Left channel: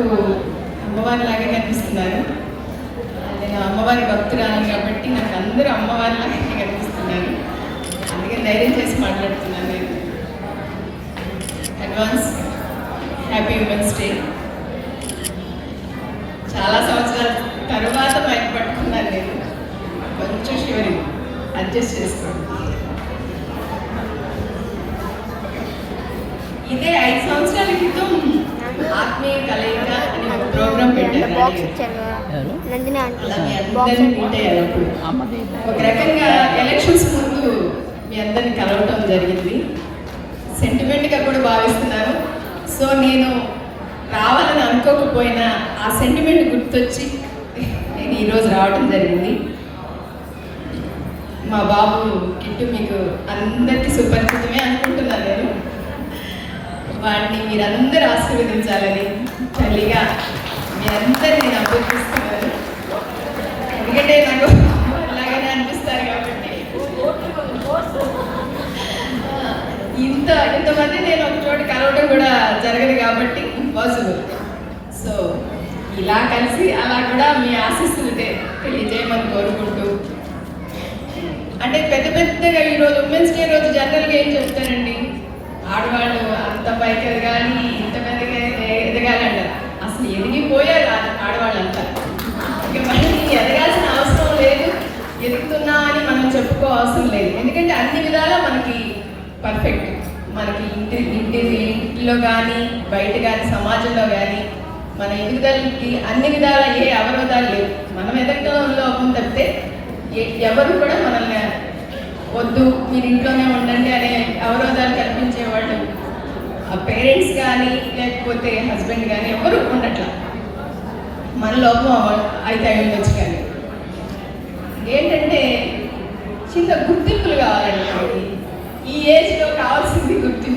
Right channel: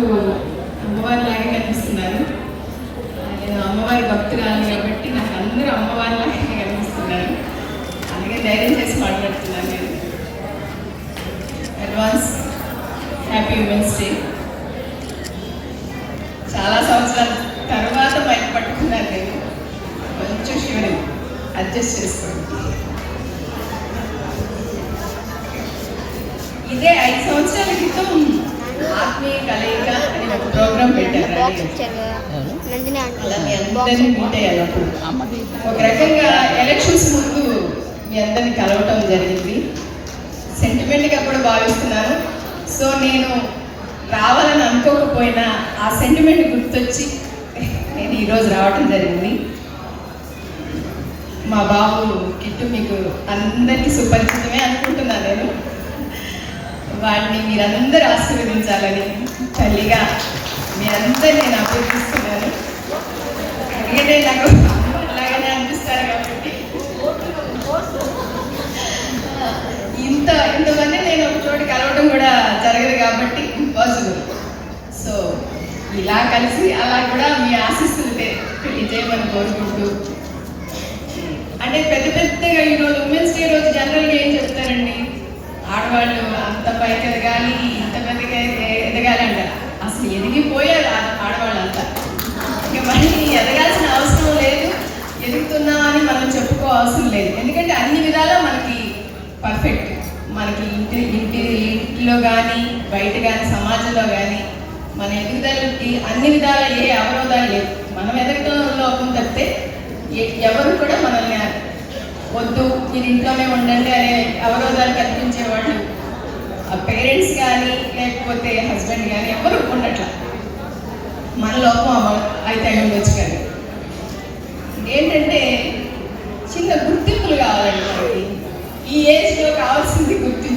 నాకు అమ్మవారి లాగే కనిపిస్తున్నారు. నేను అమ్మవారి భక్తురాలు కాబట్టి నాకు అందరూ అమ్మవారి లాగే కనిపిస్తున్నారు. అందుకే ధైర్యం చేసి మాట్లాడుతున్నాను నేను. అడ్వాన్స్ హ్యాపీ ఉమెన్స్ డే చాలా సంవత్సరాల తర్వాత మైక్ పట్టుకున్నాను నేను. కొంచెం షూరింగ్ అడ్జస్ట్ చేసుకోండి. ఇదే ఐదు బాక్స్ ఇచ్చారు కదా. నందిని ఆంటీ బాక్స్ అప్పుడు. ఒక రకంగా ఎలక్షన్స్ ముందు మీ అందరిని కలవటం జరిగింది. సెంటిమెంట్గా కూడా భావిస్తున్నాను సో నేను రావాలని అనుకోకపోయినా ఆ సెంటిమెంట్ గుర్తొచ్చి నేను ఈరోజు రావటం జరిగింది. మా బాబు కిట్టు మీకు అందరికీ సుపరిచితమే అనుకుంటున్నాను నేను. వాటిని మీరందరూ ఆశీర్వదించాలని తల్లిగా మీరందరూ నేను అభ్యర్థిస్తున్నాను ఎందుకంటే నాకు అలాగనే అనిపిస్తారు కాబట్టి. ఇంత ఇంతమంది నేను ఒక చోట కలవడం కూడా జరగదు కాబట్టి ఇంపాసిబుల్ సో ఇలా కలిసి అలా కూడా మీ ఆశీస్సులు పెళ్ళి చేయమని కోరుకుంటూ. అంటే పెద్ద పెద్దగా ఈరోజు ఉమెన్స్ డే రోజు జనరల్గా ఏం చెప్తారండి? పర్ఫెక్ట్ మనకి ఇంటి ఇంటి ఇంటిలో కానీ బయట కానీ సమాజంలో కానీ మన ఎదుగుదలకి అన్ని విధాల ఏ అవరోధాలు లేవు. మనం ఎదగటంలో లోపం తప్పితే ఎ- ఎవరు కూడా మనల్ని వద్దు మీరు ఇంట్లోనే ఉండండి అనే అవరోధాలు కల్పించేవాళ్ళు పేరెంట్స్ కానీ లేకపోతే హస్బెండ్ కానీ ఎవరు ఉండట్లా. మన లోపం అయితే అయి ఉండొచ్చు కానీ ఏంటంటే చిన్న గుర్తింపులు కావాలండి E esse local, assim, do